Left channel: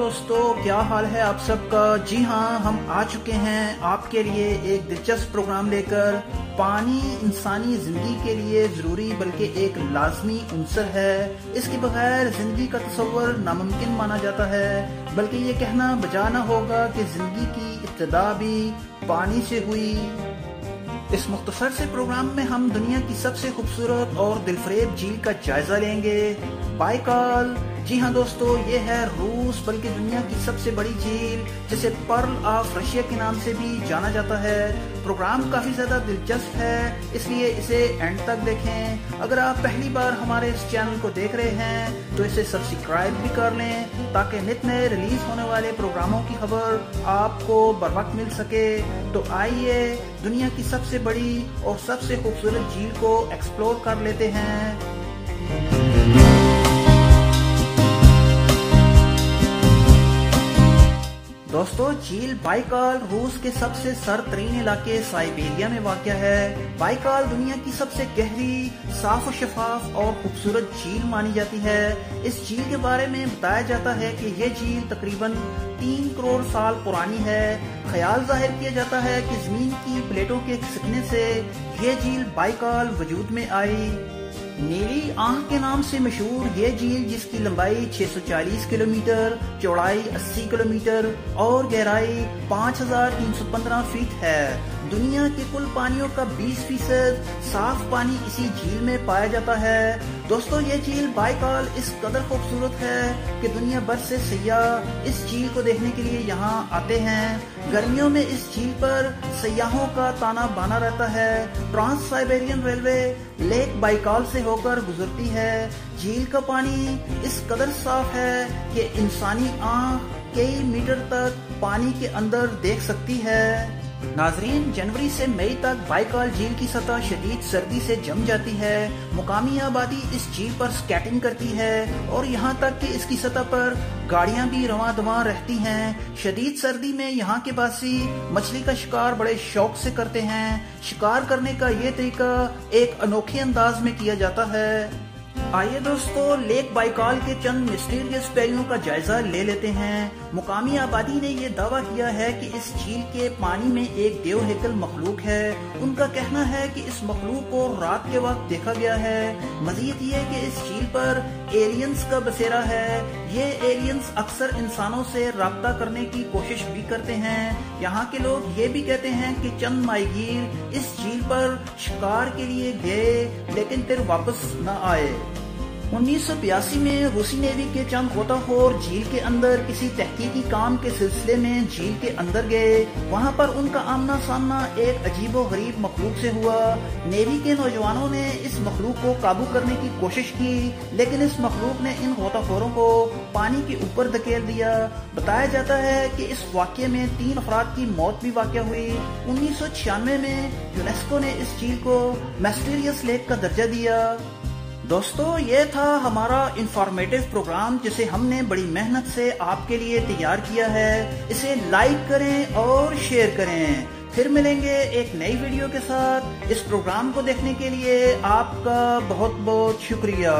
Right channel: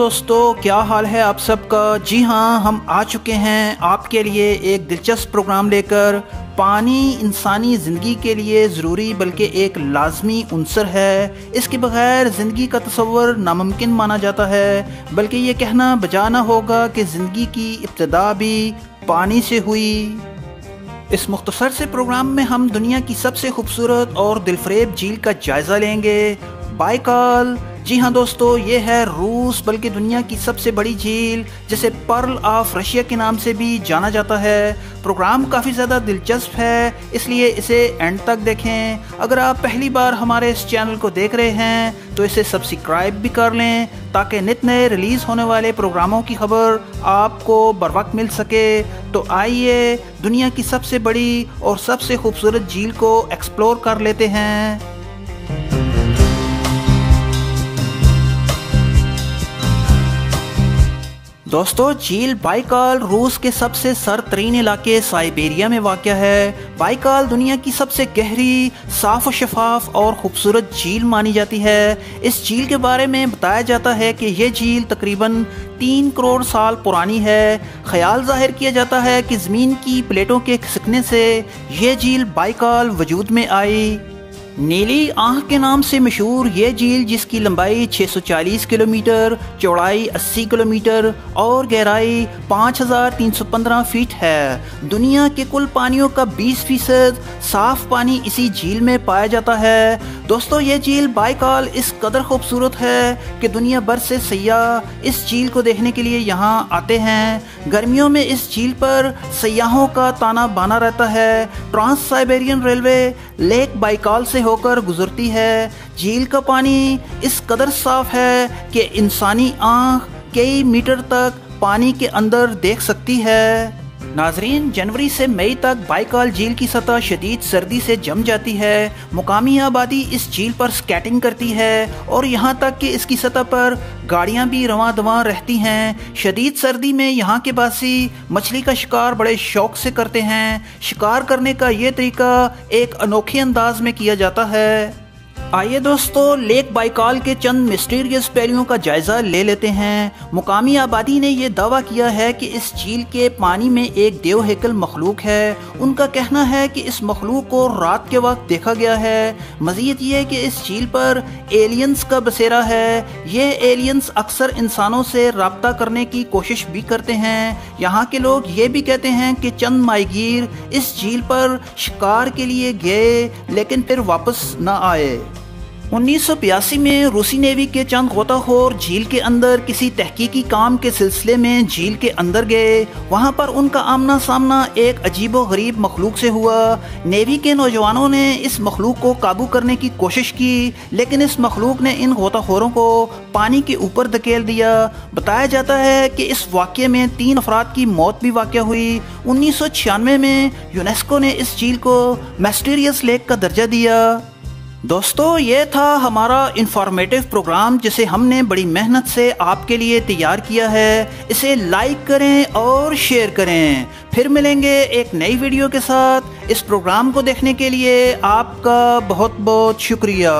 दोस्तों, क्या हाल है आप सबका। जी हाँ, हम आ चुके हैं आपके लिए एक दिलचस्प प्रोग्राम लेकर। पानी इंसानी ज़िंदगी के लिए ज़रूरी बल्कि एक लाजमी उनसर है। इसके बगैर ज़िंदगी का तस्वर नामुमकिन माना जाता है, बल्कि ये कहना बजा ना होगा कि ज़िंदगी की इब्तिदा भी पानी से हुई। इस मुख्तसर से प्रोग्राम में हम दुनिया की सबसे खूबसूरत और दिलफरेब झील का जायज़ा लेंगे, बाइकाल। जी हाँ दोस्तों, ये है रूस बल्कि दुनिया की सबसे बड़ी झील, जिसे पर्ल ऑफ रशिया के नाम से भी जाना जाता है। प्रोग्राम काफ़ी ज़्यादा दिलचस्प है, इसलिए इसे एंड तक देखें। अगर आप पहली बार हमारे इस चैनल को देख रहे हैं तो इसे सब्सक्राइब भी कर लें, ताकि नित नए रिलीज़ होने वाले प्रोग्रामों की खबर आपको बर वक्त मिल सके। तो आइए दुनिया की सबसे बड़ी और सबसे खूबसूरत झील को एक्सप्लोर कर लेते हैं। दोस्तों, झील बाइकाल रूस के सबसे सरतरीन इलाके साइबेरिया में वाक़या है। बाइकाल दुनिया की सबसे गहरी, साफ और शफाफ और खूबसूरत झील मानी जाती है। इस झील के बारे में बताया जाता है कि यह झील तकरीबन 3 करोड़ साल पुरानी है। ख्याल जाहिर किया जाता है कि ज़मीन की प्लेटों के खिसकने से यह झील बाइकाल वजूद में आई। नीली आंख के नाम से मशहूर ये झील, जिसकी लंबाई 640 किलोमीटर, चौड़ाई 80 किलोमीटर और गहराई 5315 फीट है। दुनिया के कुल पानियों का 20% साफ पानी इसी झील में पाया जाता है। दोस्तों, ये झील बाइकाल इस कदर खूबसूरत है कि दुनिया भर से सयाह इस झील को देखने के लिए यहाँ आते हैं। गर्मियों में इस झील पर सयाहों का ताना बाना रहता है। Trans Siberian railway lake Baikal से होकर गुजरती है। झील का पानी इस कदर साफ है कि इंसानी आंख कई मीटर तक पानी के अंदर देख सकती है। नाजरीन, जनवरी से मई तक बाइकाल झील की सतह शदीद सर्दी से जम जाती है। मुकामी आबादी इस झील पर स्केटिंग करती है और यहाँ तक कि इसकी सतह पर गाड़ियाँ भी रवां दवां रहती हैं। शदीद सर्दी में यहाँ के बासी मछली का शिकार बड़े शौक से करते हैं। शिकार करने का ये तरीका एक अनोखे अंदाज में किया जाता है। आइए दोस्तों, लेक बाइकाल के चंद मिस्टीरियस पहलुओं का जायजा ले लेते हैं। मुकामी आबादी ने यह दावा किया है कि इस झील के पानी में एक देव हैकल मखलूक है। उनका कहना है कि इस मखलूक को रात के वक्त देखा गया है। मजीद ये है कि इस झील पर एलियंस का बसेरा है। ये एलियंस अक्सर इंसानों से राब्ता करने की कोशिश भी करते हैं। यहाँ के लोग ये भी कहते हैं कि चंद माहीगीर इस झील पर शिकार के लिए गए लेकिन फिर वापस न आए। 1982 में रूसी नेवी के चंद गोताखोर झील के अंदर किसी तहकीकी काम के सिलसिले में झील के अंदर गए। वहां पर उनका आमना सामना एक अजीबो गरीब मखलूक से हुआ। नेवी के नौजवानों ने इस मखलूक को काबू करने की कोशिश की, लेकिन इस मखलूक ने इन गोताखोरों को पानी के ऊपर धकेल दिया। बताया जाता है कि इस वाक़ये में 3 अफराद की मौत भी वाक़या हुई। 1996 में यूनेस्को ने इस झील को मिस्टीरियस लेक का दर्जा दिया। दोस्तों, ये था हमारा इंफॉर्मेटिव प्रोग्राम, जिसे हमने बड़ी मेहनत से आपके लिए तैयार किया है। इसे लाइक करें और शेयर करें। फिर मिलेंगे एक नई वीडियो के साथ। इस प्रोग्राम को देखने के लिए आपका बहुत बहुत शुक्रिया।